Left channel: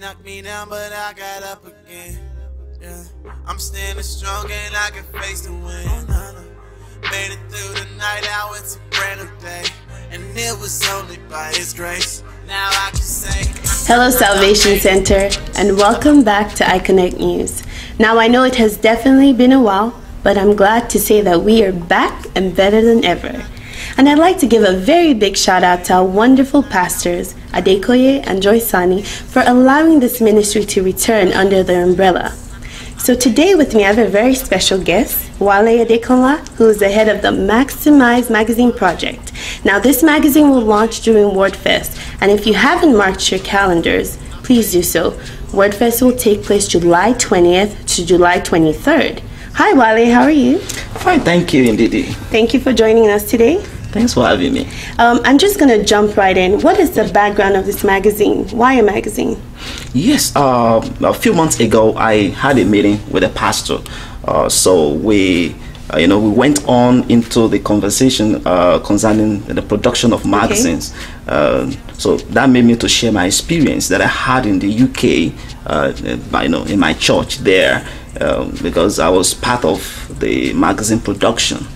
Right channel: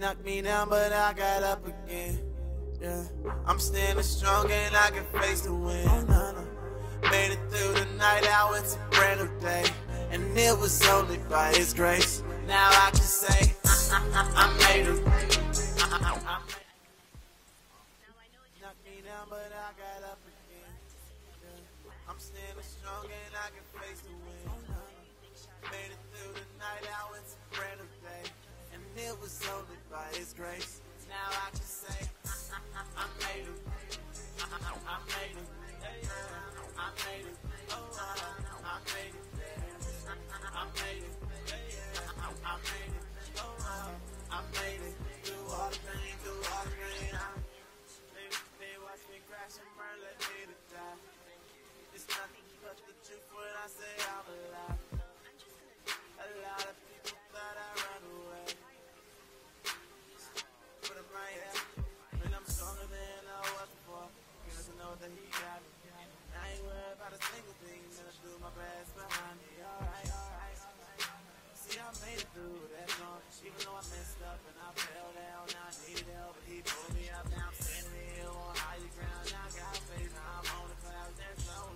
Knocked me down, but I got up again. Yeah, I'm standing strong and I can face the wind. Made it through the night, out it's a brand new day, and it was only by His grace. Now I can say, hello Salvation Center, and welcome back to iConnect News. Now I know it has definitely been a while, but I'm glad to say that we are back and better than ever. And I'd like to give a very big shout out to our wonderful pastors, Koye and Joyce Sanni, for allowing this ministry to return under their umbrella. So today with me I have a very special guest, Wale Adekola, who is the head of the Maximize Magazine project. Now this magazine will launch during WordFest, and if you haven't marked your calendars, please do so. WordFest will take place July 20th to July 23rd. Hi Wale, how are you? Fine, thank you indeed. Thank you for joining us today. Thanks for having me. I'm just going to jump right in. What is the background of this magazine? Why a magazine? Yes, a few months ago, I had a meeting with a pastor. So we went on into the conversation concerning the production of magazines. Okay. So that made me to share my experience that I had in the UK, in my church there, because I was part of the magazine production.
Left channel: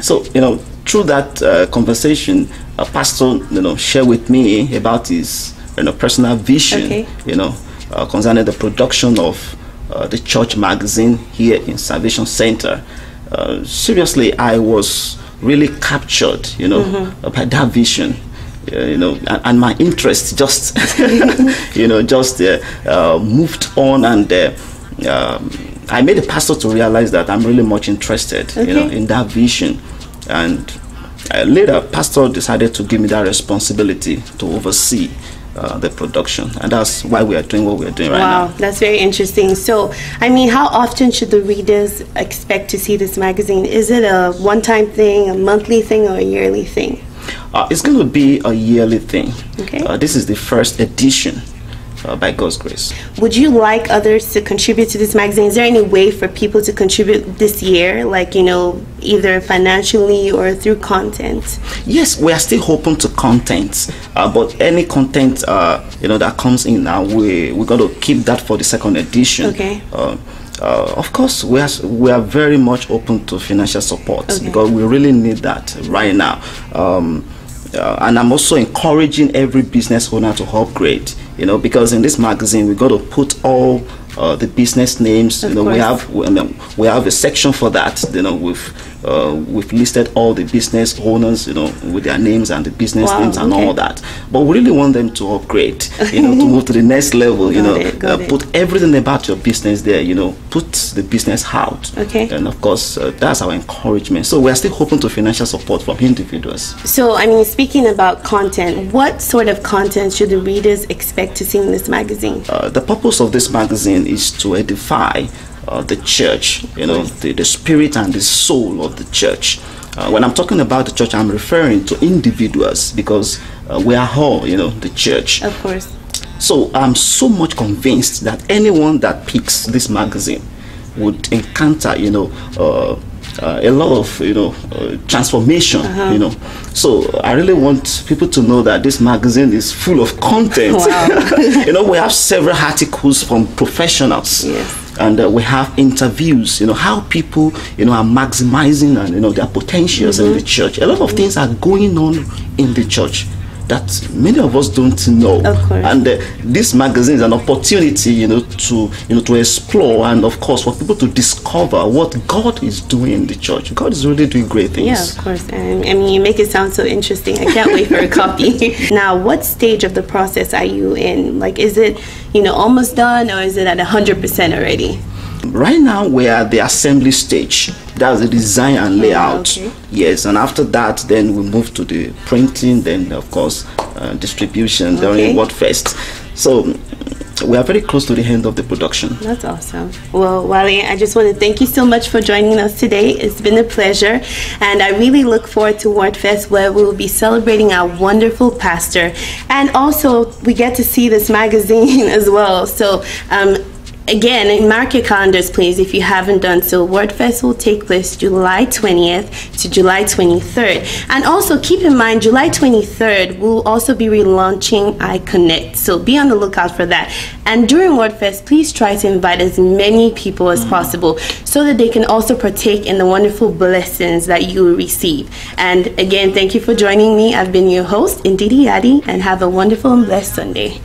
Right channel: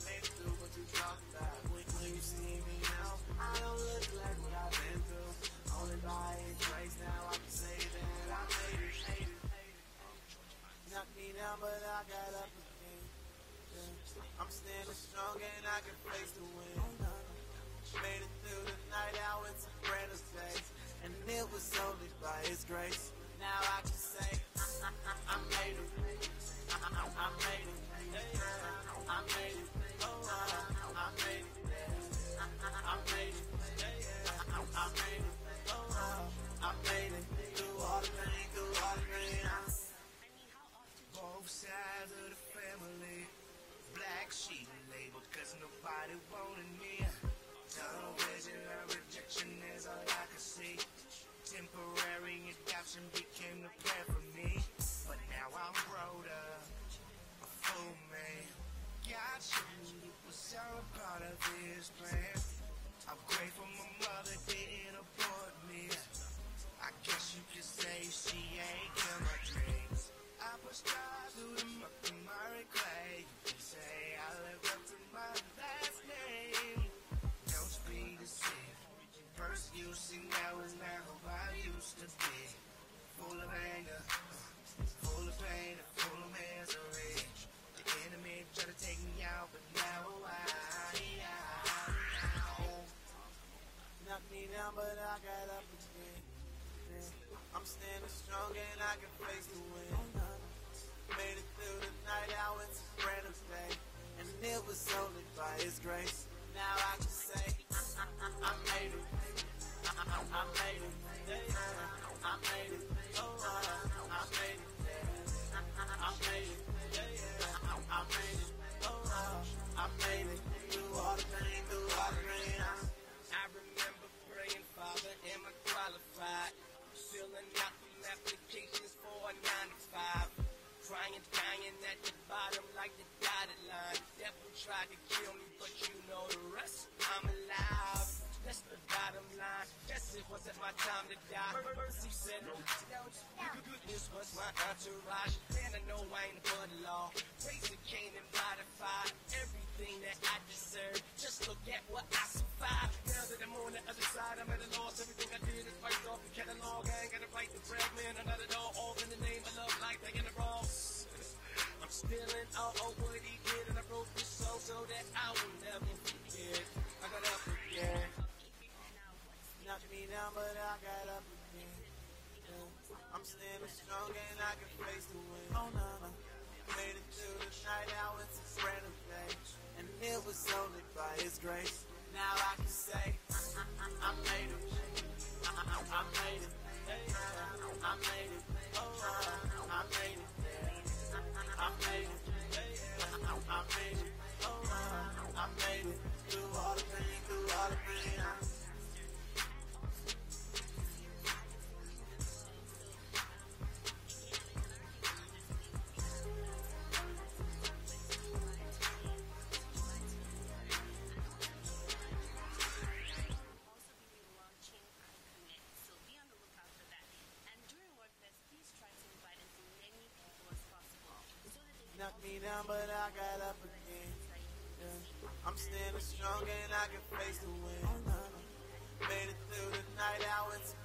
So, through that conversation, a pastor, shared with me about his, personal vision, okay. Concerning the production of the church magazine here in Salvation Center. Seriously, I was really captured, by that vision. And my interest just, moved on, and I made the pastor to realize that I'm really much interested, okay. In that vision. And later, pastor decided to give me that responsibility to oversee the production, and that's why we are doing what we are doing right now. Wow, that's very interesting. So, how often should the readers expect to see this magazine? Is it a one-time thing, a monthly thing, or a yearly thing? It's going to be a yearly thing. Okay. This is the first edition. By God's grace. Would you like others to contribute to this magazine? Is there any way for people to contribute this year, like, either financially or through content? Yes, we are still open to content, but any content that comes in now, we got to keep that for the second edition. Okay. Of course, we are very much open to financial support, okay. Because we really need that right now. And I'm also encouraging every business owner to upgrade, because in this magazine we got to put all the business names. We have a section for that. We've listed all the business owners, with their names and the business names and all that. But we really want them to upgrade, to move to the next level. Put everything about your business there. Put the business out. Okay. And of course, that's our encouragement. So we are still hoping to financial support from individuals. So speaking about content, what sort of content should the readers expect to see in this magazine? The purpose of this magazine is to edify the church, the spirit and the soul of the church. When I'm talking about the church, I'm referring to individuals, because we are all, the church. Of course. So I'm so much convinced that anyone that picks this magazine would encounter, a lot of, transformation, So I really want people to know that this magazine is full of content. Wow. We have several articles from professionals. Yes. And we have interviews, how people, are maximizing and, their potentials in the church. A lot of things are going on in the church that many of us don't know. Of course. And this magazine is an opportunity, to explore, and of course for people to discover what God is doing in the church. God is really doing great things. Yeah, of course. You make it sound so interesting. I can't wait for a copy. Now, what stage of the process are you in? Like, is it, almost done, or is it at 100% already? Right now we are at the assembly stage. That's the design and layout. Okay. Yes, and after that, then we move to the printing, then of course distribution during WordFest. So we are very close to the end of the production. That's awesome. Well, Wale, I just want to thank you so much for joining us today. It's been a pleasure, and I really look forward to WordFest, where we will be celebrating our wonderful pastor, and also we get to see this magazine as well. So Again, mark your calendars, please, if you haven't done so. WordFest will take place July 20th to July 23rd. And also keep in mind, July 23rd, we'll also be relaunching iConnect. So be on the lookout for that. And during WordFest, please try to invite as many people as possible so that they can also partake in the wonderful blessings that you will receive. And again, thank you for joining me. I've been your host, Ndidi Yadi, and have a wonderful and blessed Sunday.